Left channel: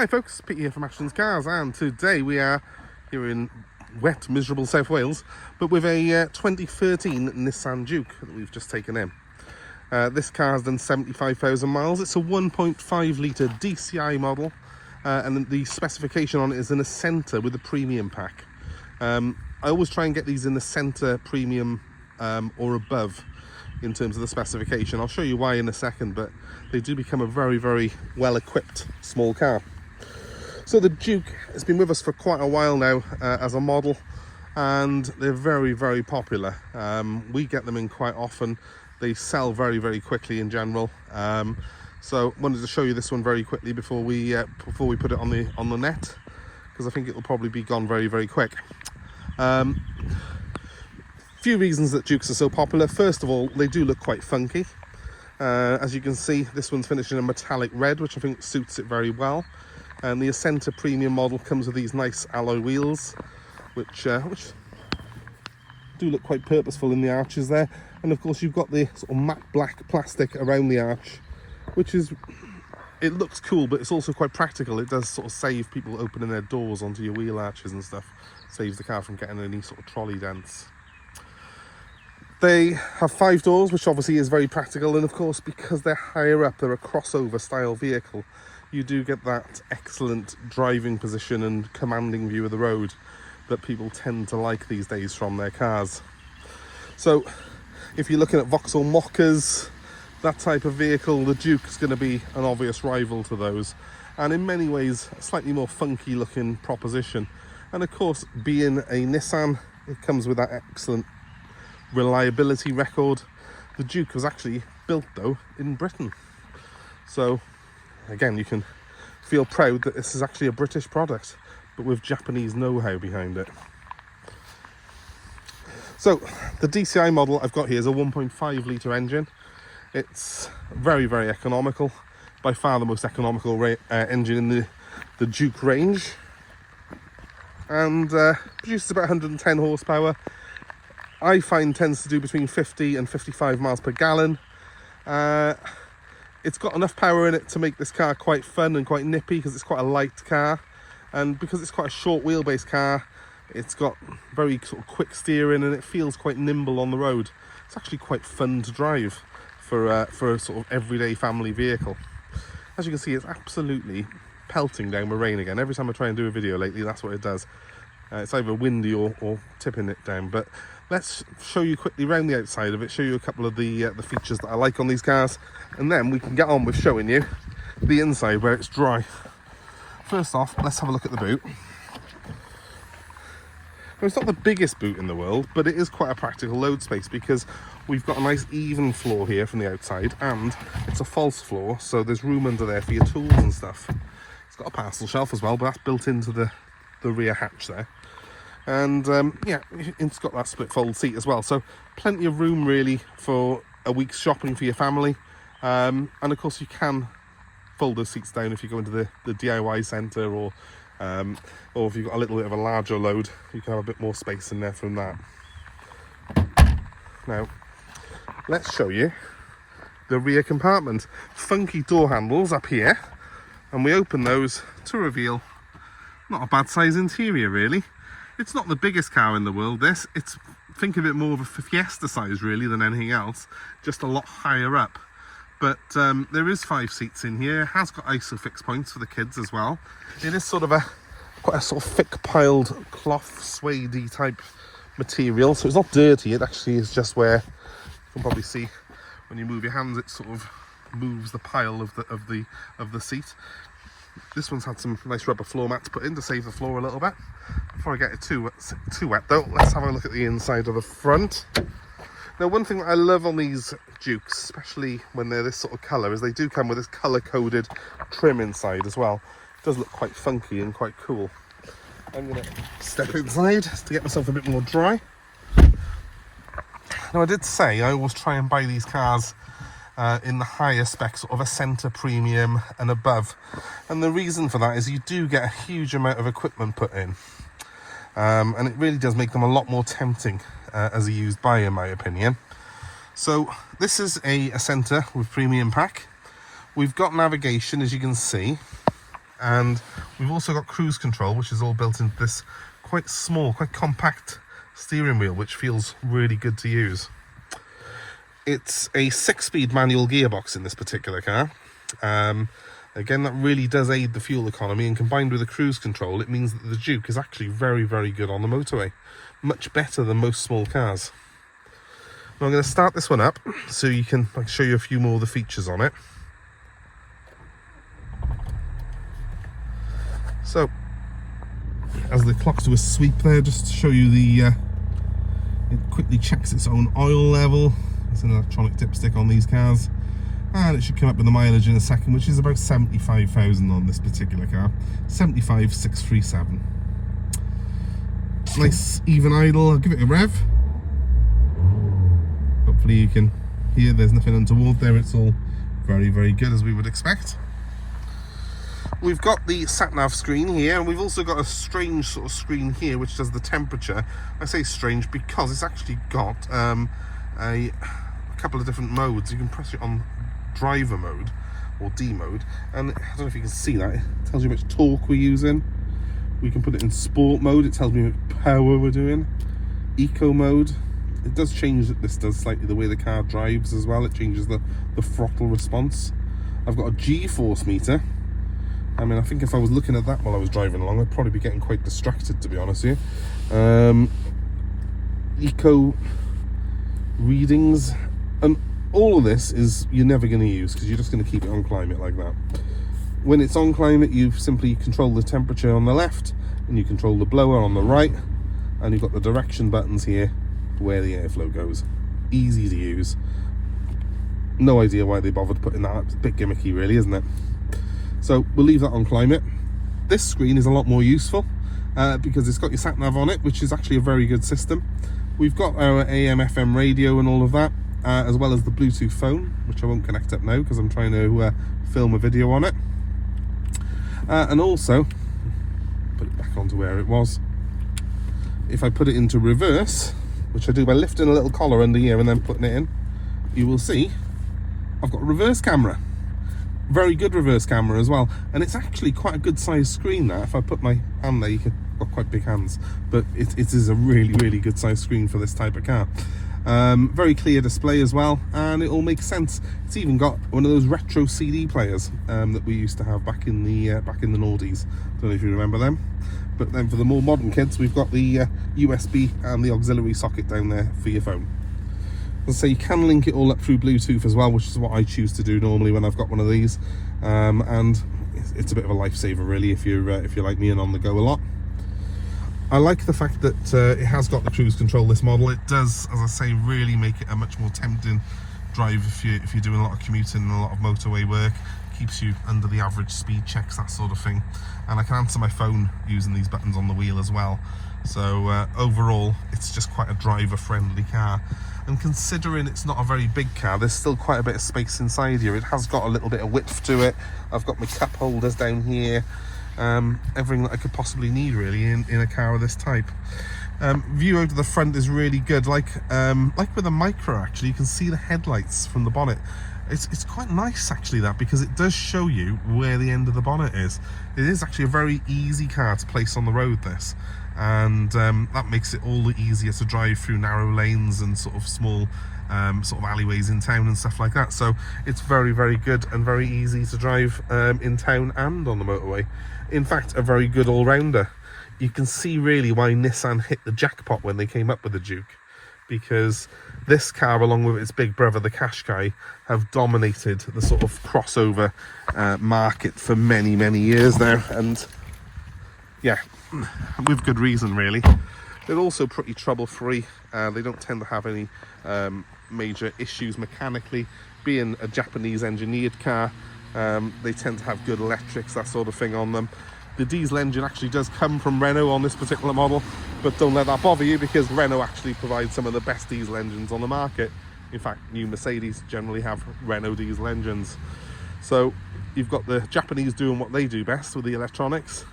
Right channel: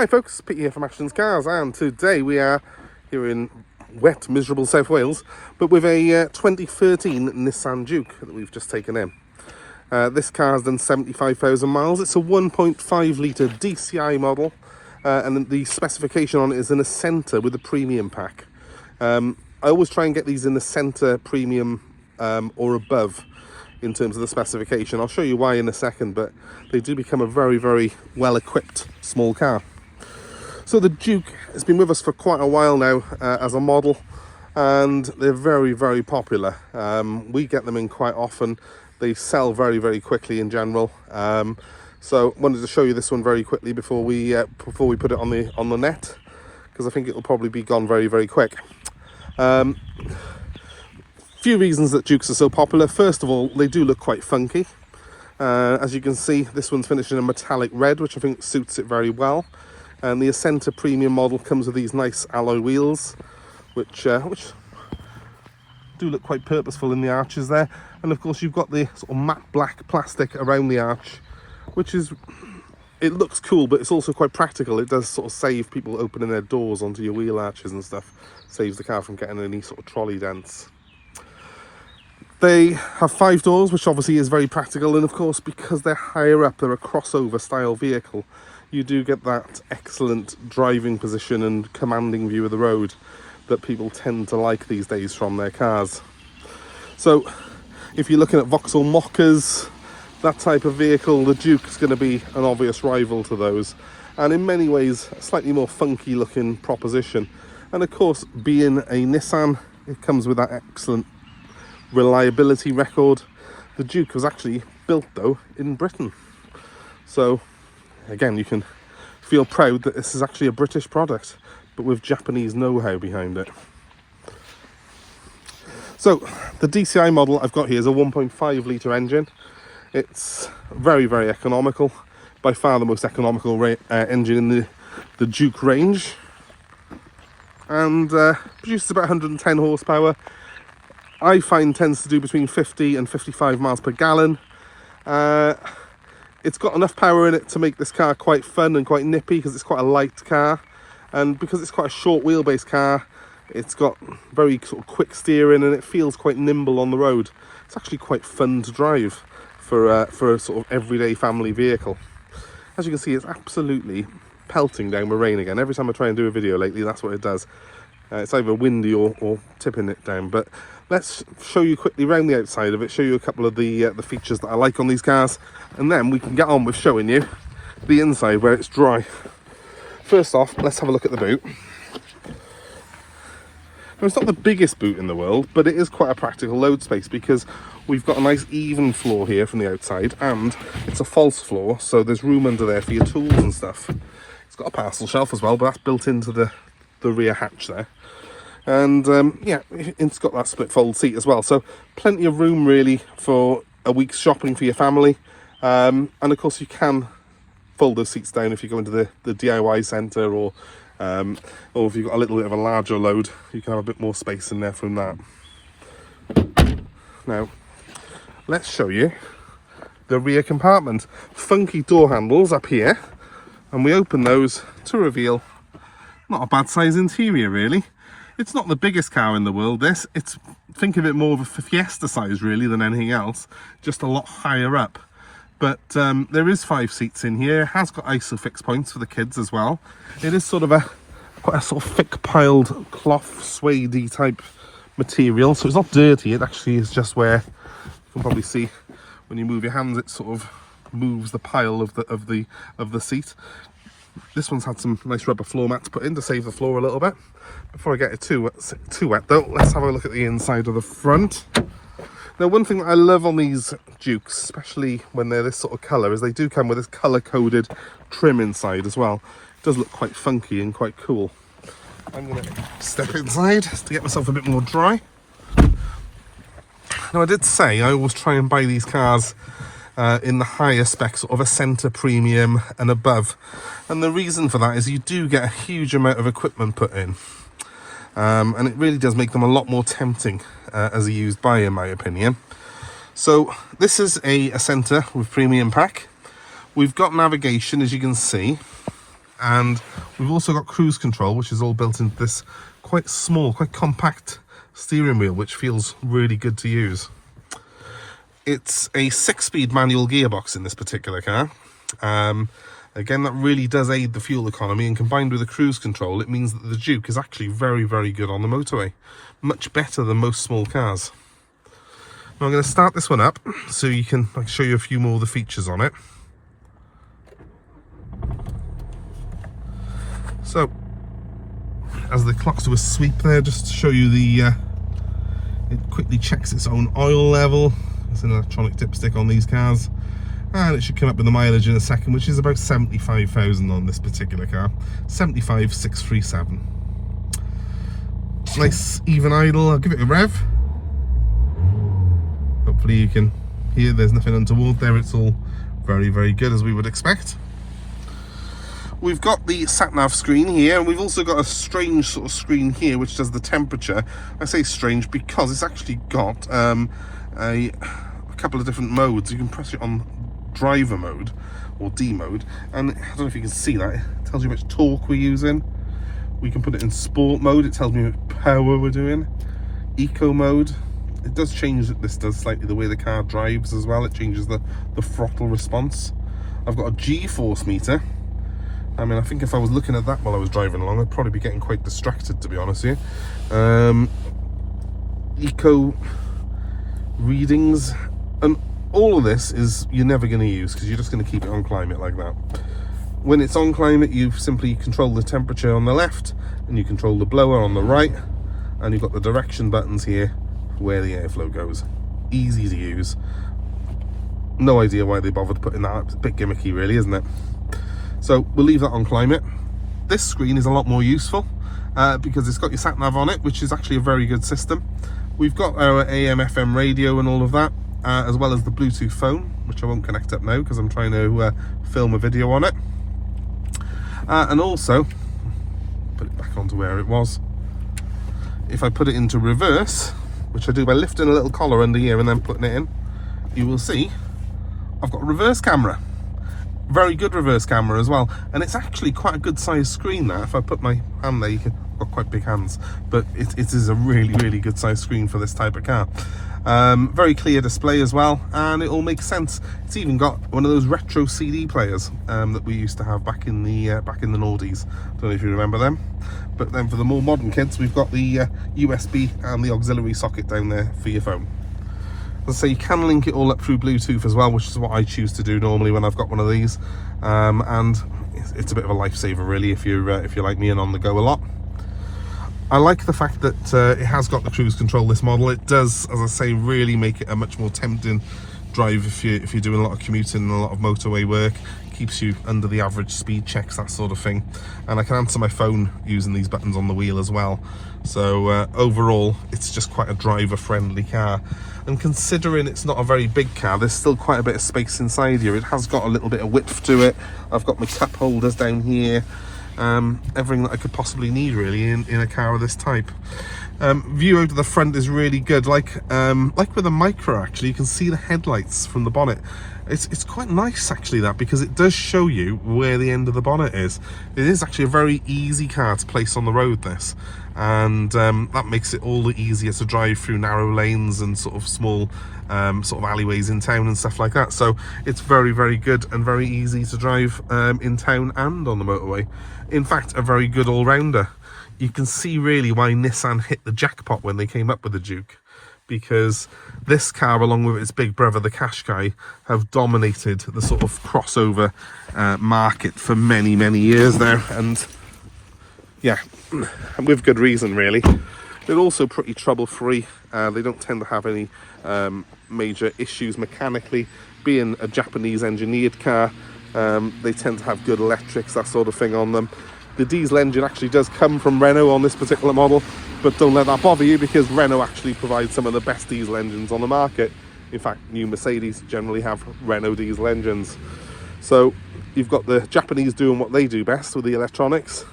Hi folks, Pete here from Ashtons Cars, and today we are here in wet, miserable South Wales, but with a 2013 Nissan Juke that we've just taken in. This car has done 75,000 miles. It's a 1.5 litre DCI model, and the specification on it is an Acenta with a premium pack. I always try and get these in the Acenta Premium or above in terms of the specification. I'll show you why in a second, but they do become a very, very well equipped small car. So the Juke has been with us for quite a while now as a model, and they're very, very popular. We get them in quite often. They sell very, very quickly in general. So wanted to show you this one very quickly before we put it on the net, because I think it'll probably be gone very, very quick. Few reasons that Jukes are so popular. First of all, they do look quite funky. As you can see, this one's finished in a metallic red, which I think suits it very well. And the Acenta Premium model comes with these nice alloy wheels, which do look quite purposeful in the arches there. And of course you've got the sort of matte black plastic around the arch, which is, it looks cool, but it's also quite practical. It does sort of save people opening their doors onto your wheel arches and stuff. Saves the car from getting any sort of trolley dents. They have 5 doors, which obviously is very practical, and of course because they're higher up, they're a crossover style vehicle, you do get that excellent driving position and commanding view of the road that people tend to like these days from their cars. So if you're looking at Vauxhall Mockers, that type of vehicle, the Juke is going to be an obvious rival to those, and in many ways a slightly more funky looking proposition. And of course, being a Nissan, it comes with that excellent reliability record. The Juke was actually built though in Britain, so again you can feel proud that this is actually a British product, but with Japanese know-how behind it. So the DCI model I've got here is a 1.5 litre engine. It's very, very economical, by far the most economical engine in the Juke range, and produces about 110 horsepower. I find tends to do between 50 and 55 miles per gallon. It's got enough power in it to make this car quite fun and quite nippy, because it's quite a light car, and because it's quite a short wheelbase car, it's got very sort of quick steering and it feels quite nimble on the road. It's actually quite fun to drive for a sort of everyday family vehicle. As you can see, it's absolutely pelting down with rain again. Every time I try and do a video lately, that's what it does. It's either windy or tipping it down. But let's show you quickly around the outside of it, show you a couple of the features that I like on these cars, and then we can get on with showing you the inside where it's dry. First off, let's have a look at the boot. Now, it's not the biggest boot in the world, but it is quite a practical load space, because we've got a nice even floor here from the outside, and it's a false floor, so there's room under there for your tools and stuff. It's got a parcel shelf as well, but that's built into the rear hatch there. And yeah, it's got that split fold seat as well, so plenty of room really for a week's shopping for your family. And of course you can fold those seats down if you go into the DIY centre, or if you've got a little bit of a larger load, you can have a bit more space in there from that. Now let's show you the rear compartment. Funky door handles up here, and we open those to reveal not a bad size interior really. It's not the biggest car in the world, this. It's, think of it more of a Fiesta size really than anything else, just a lot higher up. But there is 5 seats in here. It has got ISOFIX points for the kids as well. It is sort of quite a sort of thick piled cloth suede-y type material, so it's not dirty. It actually is just where you can probably see when you move your hands, it sort of moves the pile of the seat. This one's had some nice rubber floor mats put in to save the floor a little bit. Before I get it too wet though, let's have a look at the inside of the front. Now, one thing that I love on these Jukes, especially when they're this sort of colour, is they do come with this colour-coded trim inside as well. It does look quite funky and quite cool. I'm going to step inside to get myself a bit more dry. Now, I did say I always try and buy these cars in the higher spec, sort of Acenta Premium and above. And the reason for that is you do get a huge amount of equipment put in. And it really does make them a lot more tempting as a used buy, in my opinion. So this is a Acenta with premium pack. We've got navigation, as you can see. And we've also got cruise control, which is all built into this quite small, quite compact steering wheel, which feels really good to use. It's a 6-speed manual gearbox in this particular car. Again, that really does aid the fuel economy, and combined with the cruise control, it means that the Juke is actually very, very good on the motorway. Much better than most small cars. Now I'm going to start this one up so I can show you a few more of the features on it. So, as the clocks do a sweep there, just to show you the, it quickly checks its own oil level. There's an electronic dipstick on these cars. And it should come up with the mileage in a second, which is about 75,000 on this particular car. 75,637. Nice even idle. I'll give it a rev. Hopefully you can hear there's nothing untoward there. It's all very, very good, as we would expect. We've got the sat-nav screen here, and we've also got a strange sort of screen here which does the temperature. I say strange because it's actually got a couple of different modes. You can press it on driver mode or D mode, and I don't know if you can see that, it tells you how much torque we're using. We can put it in sport mode, it tells me how much power we're doing. Eco mode, it does change, this does slightly the way the car drives as well. It changes the throttle response. I've got a G-force meter. I mean, I think if I was looking at that while I was driving along, I'd probably be getting quite distracted, to be honest with you. Eco readings, and all of this is you're never going to use because you're just going to keep it on climate like that. When it's on climate, you simply control the temperature on the left, and you control the blower on the right, and you've got the direction buttons here where the airflow goes. Easy to use. No idea why they bothered putting that up. It's a bit gimmicky really, isn't it? So we'll leave that on climate. This screen is a lot more useful because it's got your sat nav on it, which is actually a very good system. We've got our AM FM radio and all of that, as well as the Bluetooth phone, which I won't connect up now because I'm trying to film a video on it. And also put it back onto where it was. If I put it into reverse, which I do by lifting a little collar under here and then putting it in, you will see I've got a reverse camera. Very good reverse camera as well, and it's actually quite a good sized screen there. If I put my hand there, you can, got quite big hands, but it is a really, really good sized screen for this type of car. Very clear display as well, and it all makes sense. It's even got one of those retro CD players that we used to have back in the noughties. Don't know if you remember them. But then for the more modern kids, we've got the USB and the auxiliary socket down there for your phone. So you can link it all up through Bluetooth as well, which is what I choose to do normally when I've got one of these, and it's a bit of a lifesaver really if you're like me and on the go a lot. I like the fact that it has got the cruise control, this model. It does, as I say, really make it a much more tempting drive if you're doing a lot of commuting and a lot of motorway work. Keeps you under the average speed checks, that sort of thing. And I can answer my phone using these buttons on the wheel as well. So overall, it's just quite a driver-friendly car. And considering it's not a very big car, there's still quite a bit of space inside here. It has got a little bit of width to it. I've got my cup holders down here. Everything that I could possibly need really in a car of this type. View out of the front is really good. Like with a Micra, actually, you can see the headlights from the bonnet. It's quite nice actually, that, because it does show you where the end of the bonnet is. It is actually a very easy car to place on the road, this, and that makes it all the easier to drive through narrow lanes and sort of small sort of alleyways in town and stuff like that. So it's very, very good and very easy to drive in town and on the motorway. In fact, a very good all-rounder. You can see really why Nissan hit the jackpot when they came up with the Juke, because this car, along with its big brother, the Qashqai, have dominated the sort of crossover market for many, many years now. And yeah, with good reason, really. They're also pretty trouble-free. They don't tend to have any major issues mechanically. Being a Japanese engineered car, they tend to have good electrics, that sort of thing on them. The diesel engine actually does come from Renault on this particular model, but don't let that bother you, because Renault actually provides some of the best diesel engines on the market. In fact, new Mercedes generally have Renault diesel engines. So you've got the Japanese doing what they do best with the electronics,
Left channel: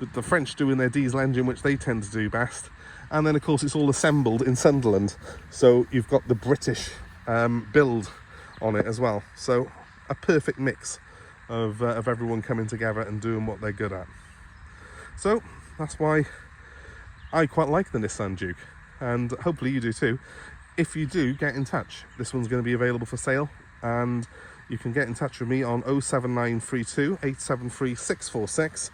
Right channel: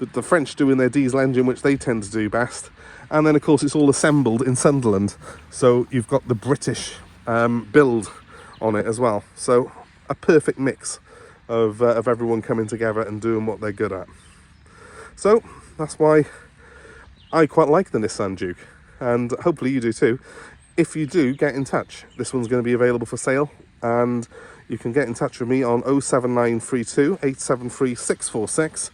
the French doing their diesel engine, which they tend to do best, and then of course it's all assembled in Sunderland, so you've got the British build on it as well. So a perfect mix of everyone coming together and doing what they're good at. So that's why I quite like the Nissan Juke, and hopefully you do too. If you do, get in touch. This one's going to be available for sale, and you can get in touch with me on 07932 873 646,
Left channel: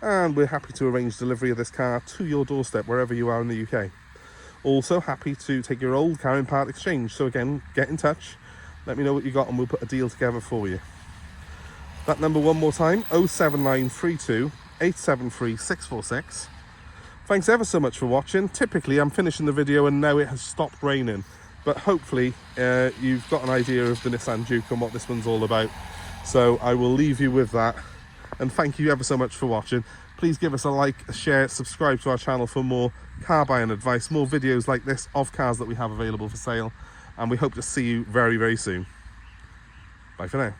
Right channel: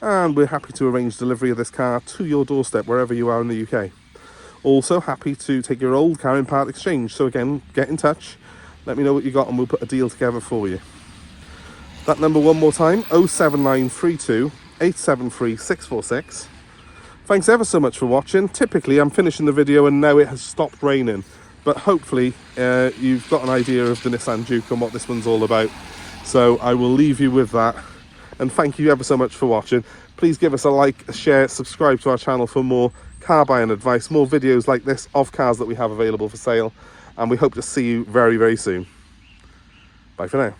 and we're happy to arrange delivery of this car to your doorstep wherever you are in the UK. Also happy to take your old car in part exchange, so again, get in touch, let me know what you got and we'll put a deal together for you. That number one more time, 07932 873 646. Thanks ever so much for watching. Typically I'm finishing the video and now it has stopped raining, but hopefully you've got an idea of the Nissan Juke and what this one's all about. So I will leave you with that, and thank you ever so much for watching. Please give us a like, a share, subscribe to our channel for more car buying advice, more videos like this of cars that we have available for sale, and we hope to see you very, very soon. Bye for now.